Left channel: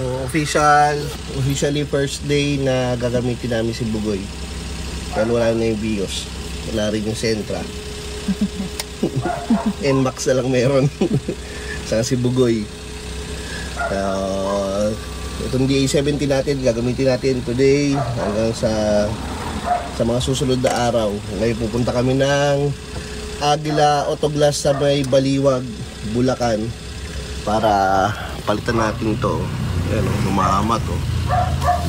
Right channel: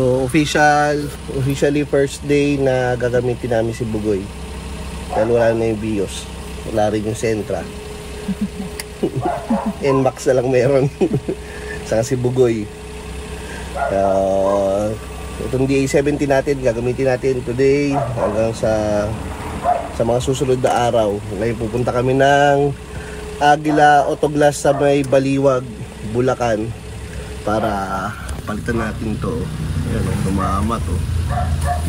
So officially first day na gagamitin namin si Bugoy. Dahil wala na yung BIOS. Wala rin yung Sentra. NMAX na lang meron. Saka si Bugoy. Itong DA-70 natin, gagamitin natin today hanggang sa mga susunod na araw. Ngayon pupunta kami ng Aguila Autoglass sa may Baliwag, Bulacan para palitan natin to. Ayan o, lumahama to.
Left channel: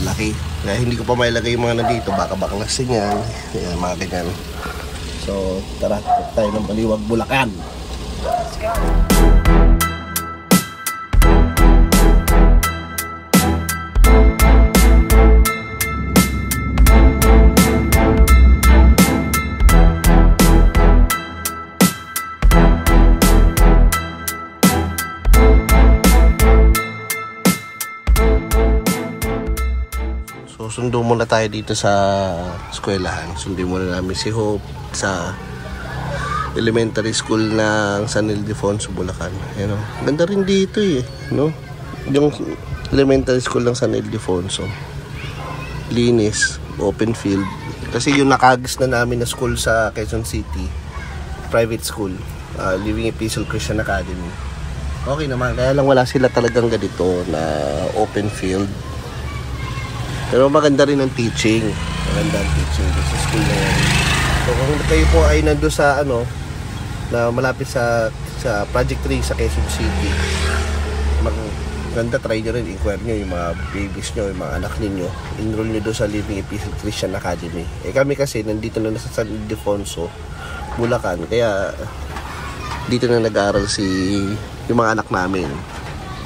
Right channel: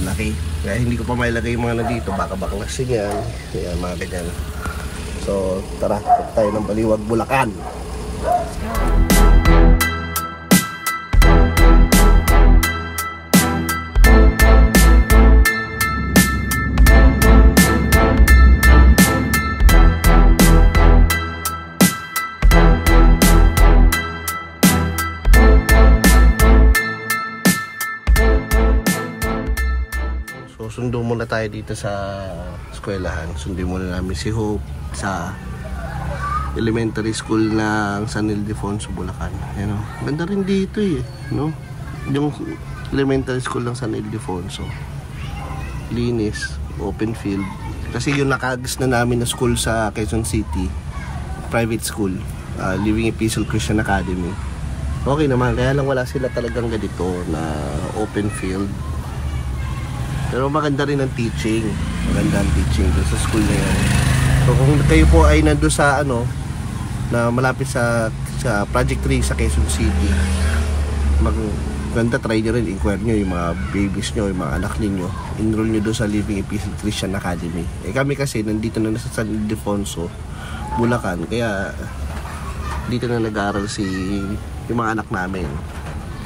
Laki. Kaya hindi ko pa mailagay yung mga nandito, baka baklasin yan. Ayan, mga ganyan. So tara, tayo ng Baliwag, Bulacan. Let's go! Sundo muna tayo dito sa eskwelahan. Sundin muna namin si Hope sa elementary school ng San Ildefonso, Bulacan. Ayan, ganda rin dito eh, no? Yung elementary school ng San Ildefonso. Linis, open field. Kasi yung nakagis na namin na school sa Quezon City, private school, Living Epistle Christian Academy. Okay naman, kaya lang wala sila talagang ganito na open field. Pero maganda rin ang teaching. Maganda ang teaching doon sa school na yan. So kung kayo po ay nandun sa na malapit sa Project 3 sa Quezon City, maganda, try nyo rin, inquire nyo yung mga babies nyo, yung mga anak ninyo. Enroll nyo doon sa Living Epistle Christian Academy. Kami kasi nandito na sa San Ildefonso, Bulacan. Kaya dito na nag-aaral yung mga anak namin.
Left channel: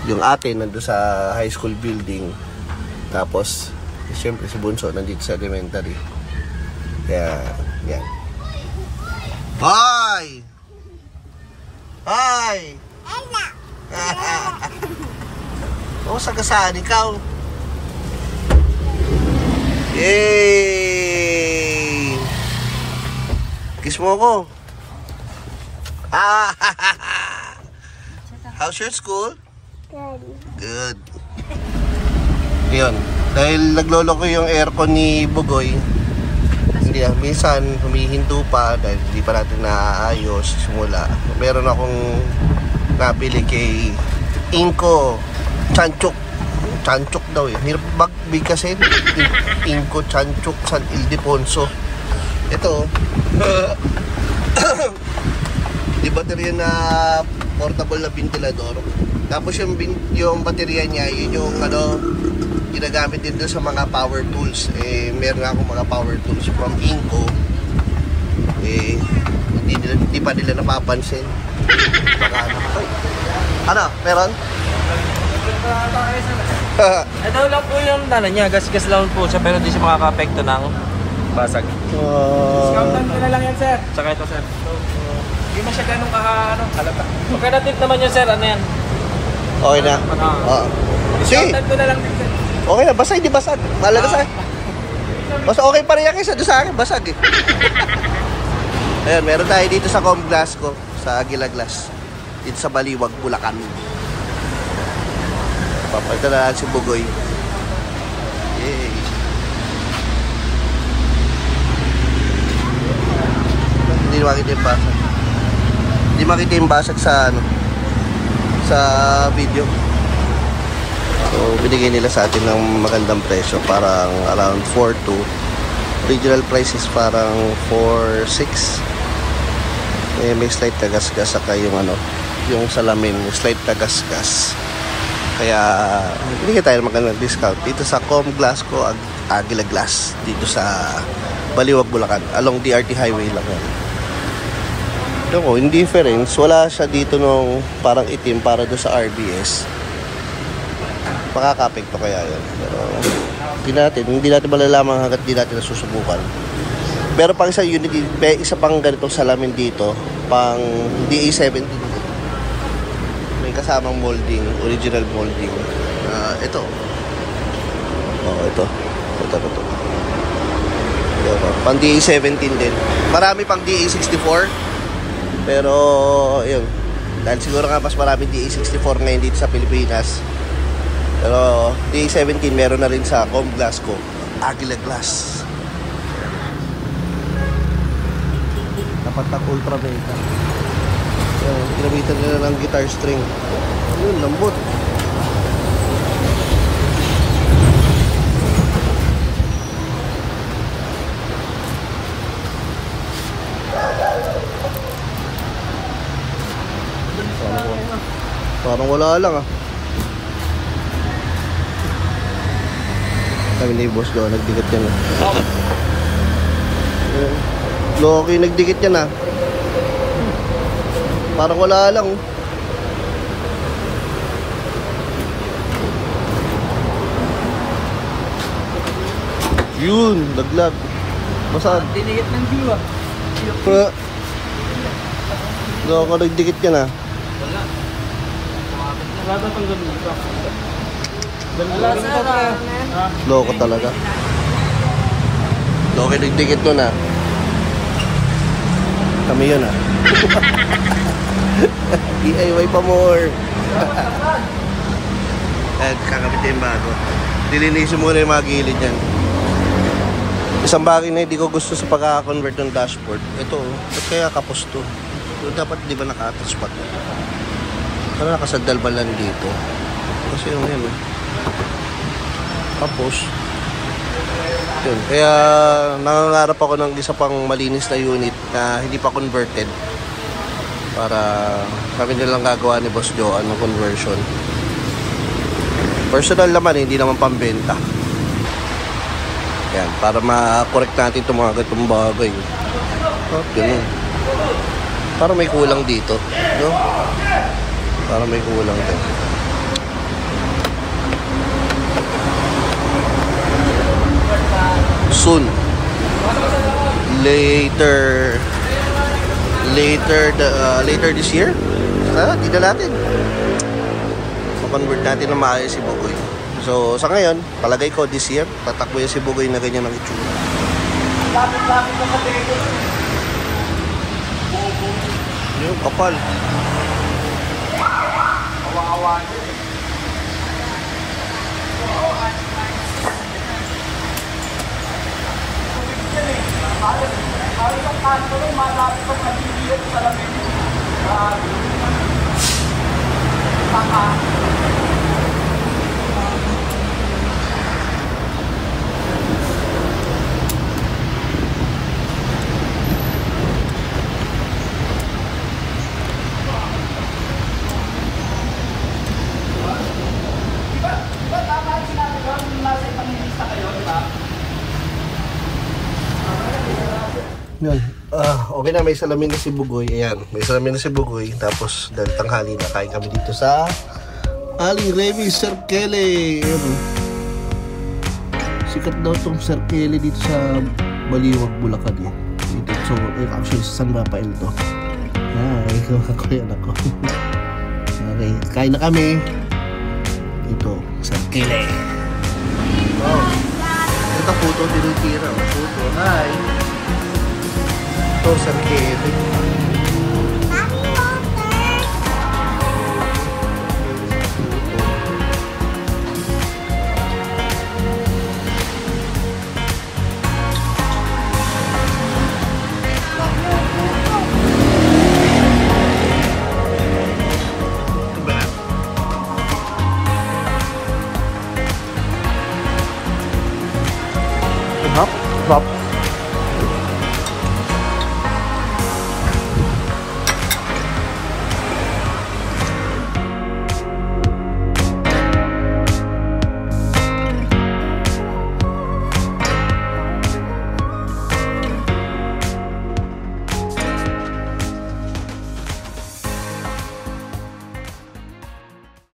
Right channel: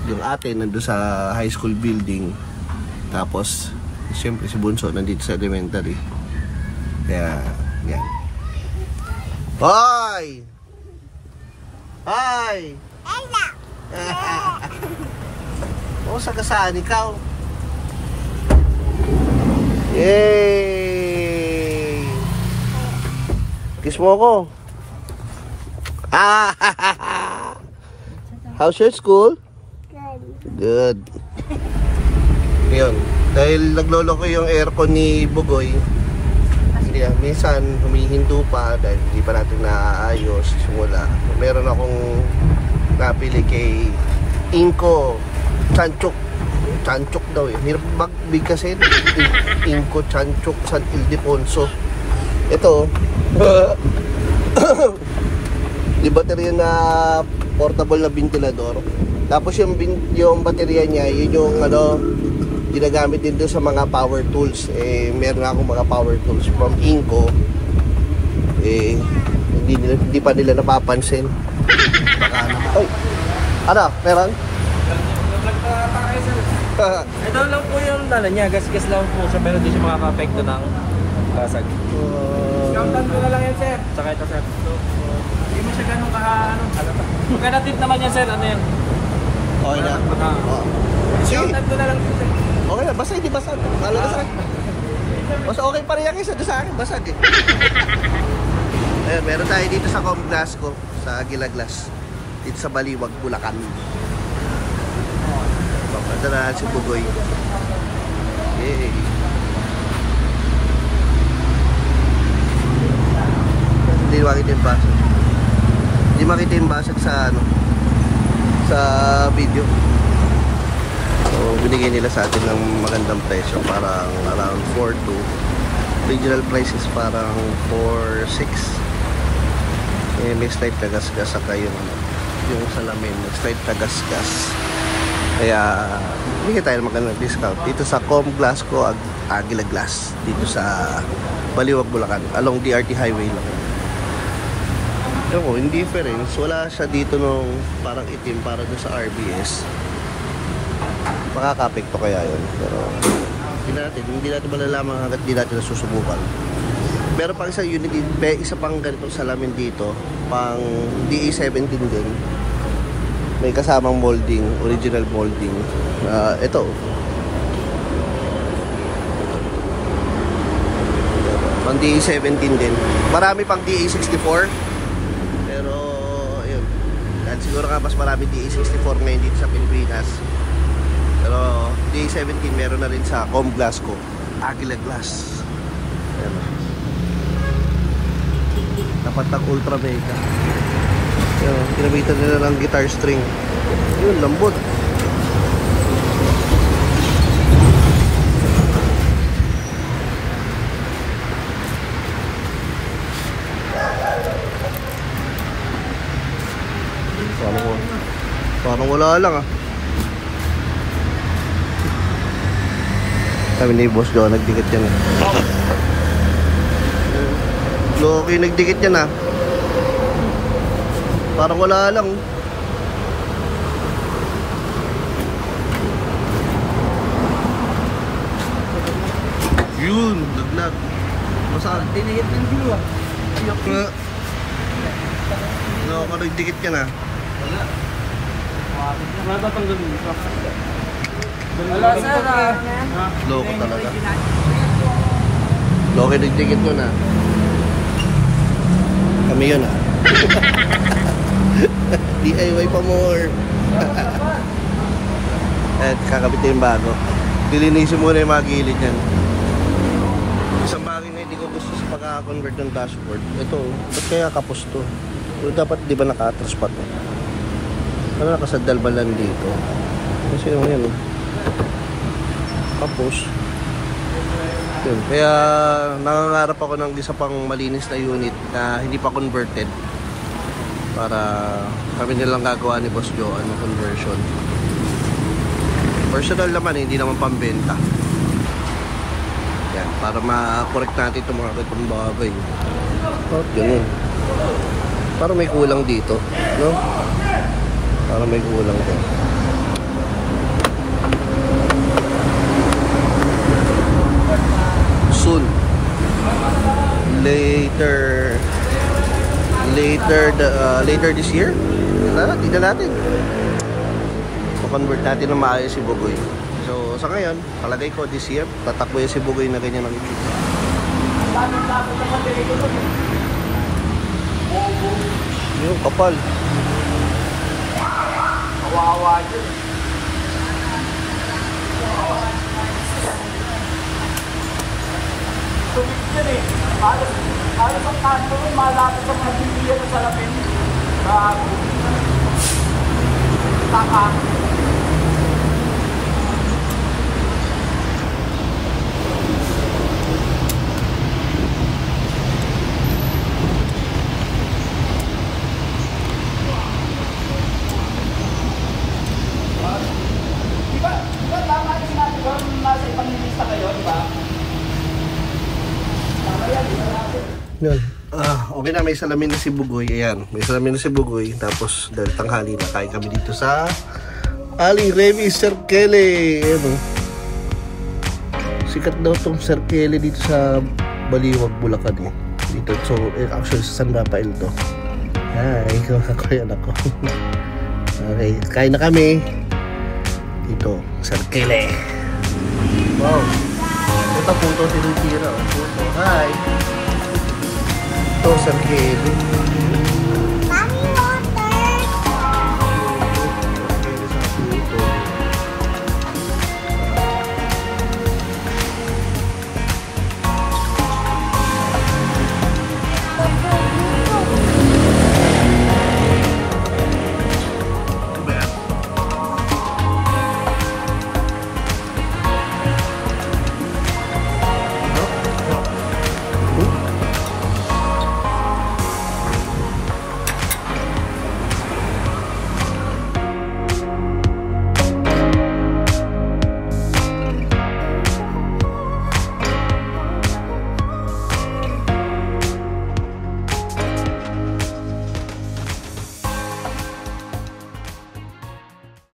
Yung atin nandun sa high school building. Tapos siyempre si Bunso nandito sa elementary. Kaya yan. Hoy! Hoy! Oo, sagasaan ikaw. Yay! Kiss mo ako. How's your school? Good. Yun, dahil naglolo ko yung aircon ni Bugoy, hindi minsan humihinto pa dahil hindi pa natin naaayos simula. Meron akong nabili kay Inco Chanchuk daw eh. Hirap magbig kasi Inco Chanchuk San Ildefonso. Ito di baterya na portable na ventilador. Tapos yung baterya niya, yun yung ginagamit din doon sa mga power tools. Meron akong mga power tools from Inco. Hindi pa nila napapansin. Ay, ano? Meron? Ito lang po yung niya, gas-gas lang po siya, pero hindi siya makaka-apekto ng basag. Discountan ko na lang yan, sir. Tsaka ito, sir. Hindi mo siya ganun halata. Pagka-natip naman yan, sir, ano yan? Okay na? Sige. Discountan ko na lang din, sir. Okay na, basag, hindi basag. Halaga sa'yo. Mas okay pa rin yan kaysa doon sa akin, basag eh. Ayan, meron tayo dito sa Comglass ko, sa Aguila Glass. Dito sa Baliwag, Bulacan. Papalta na lang si Bugoy. Yay! Hindi makita yung basag. Hindi makita yung basag sa sa video. So binigay nila sa atin ng magandang presyo, parang around 4.2. Original price is parang 4.6. May slight tagas-gas saka yung yung salamin, may slight tagas-gas. Kaya binigay tayo ng magandang discount dito sa Comglass ko, Aguila Glass, dito sa Baliwag, Bulacan. Along DRT Highway lang yan. Yung indifference, wala siya dito nung parang itim para doon sa RBS. Makaka-apekto kaya yun. Pero hindi natin malalaman hanggat di natin nasusubukan. Pero pang isa unique, isa pang ganitong salamin dito, pang DA-17 din. May kasamang molding, original molding. Ito. Ito. Pang DA-17 din. Marami pang DA-64. Pero yun, dahil siguro nga mas marami DA-64 ngayon dito sa Pilipinas, Pero D17 meron na rin sa Com Glasgow, Aguila Glass. Ayan. Dapat ng Ultra Mega. Ayan, ginamitan nila ng guitar string. Yun, lambot. Parang wala lang ah. Kami ni Boss Joe, nagdikit yan ah. Loki, nagdikit yan ah. Parang wala lang. Yun, laglag. Masaan? Dinigit ng glue ah. Loki, nagdikit yan ah. Wala. Wala pang ganun. Wala sir. Loko talaga. Loki, nagdikit nun ah. Kami yun ah. DIY pa more. At kakabit yung bago. Dilinisin muna yung mga gilid yan. Isang bagay na hindi ko gusto sa pagka-convert ng dashboard. Ito, ba't kaya kapos to? So, dapat di ba naka-atras pa to? Ano nakasadal ba lang dito? Kasi yung yan kapos. Yun. Kaya nangangarap ako ng isa pang malinis na unit na hindi pa converted. Para kami nilang gagawa ni Boss Joe ng conversion. Personal naman, hindi naman pambenta. Yan, para ma-correct natin itong mga gatong bagay. At ganun. Para may kulang dito, no? Para may kulang din. Soon. Later this year. Tignan natin. Ma-convert natin ng maayos si Bugoy. So, sa ngayon, palagay ko this year, tatakbo yan si Bugoy na ganyan ang itsura. Yung kapal. Yan. Okay na, may salamin na si Bugoy. Ayan, may salamin na si Bugoy. Tapos, dahil tanghali na, kain kami dito sa Aling Remy Sir Kelly. Ayan. Sikat daw tong Sir Kelly dito sa Baliwag, Bulacan eh. Dito, so, actually sa San Rafael to. Ay, kuya na ko. Okay, kain na kami. Dito, Sir Kelly. Wow. Ito puto, tinitira. Puto, hi. Ito, Sir Kelly.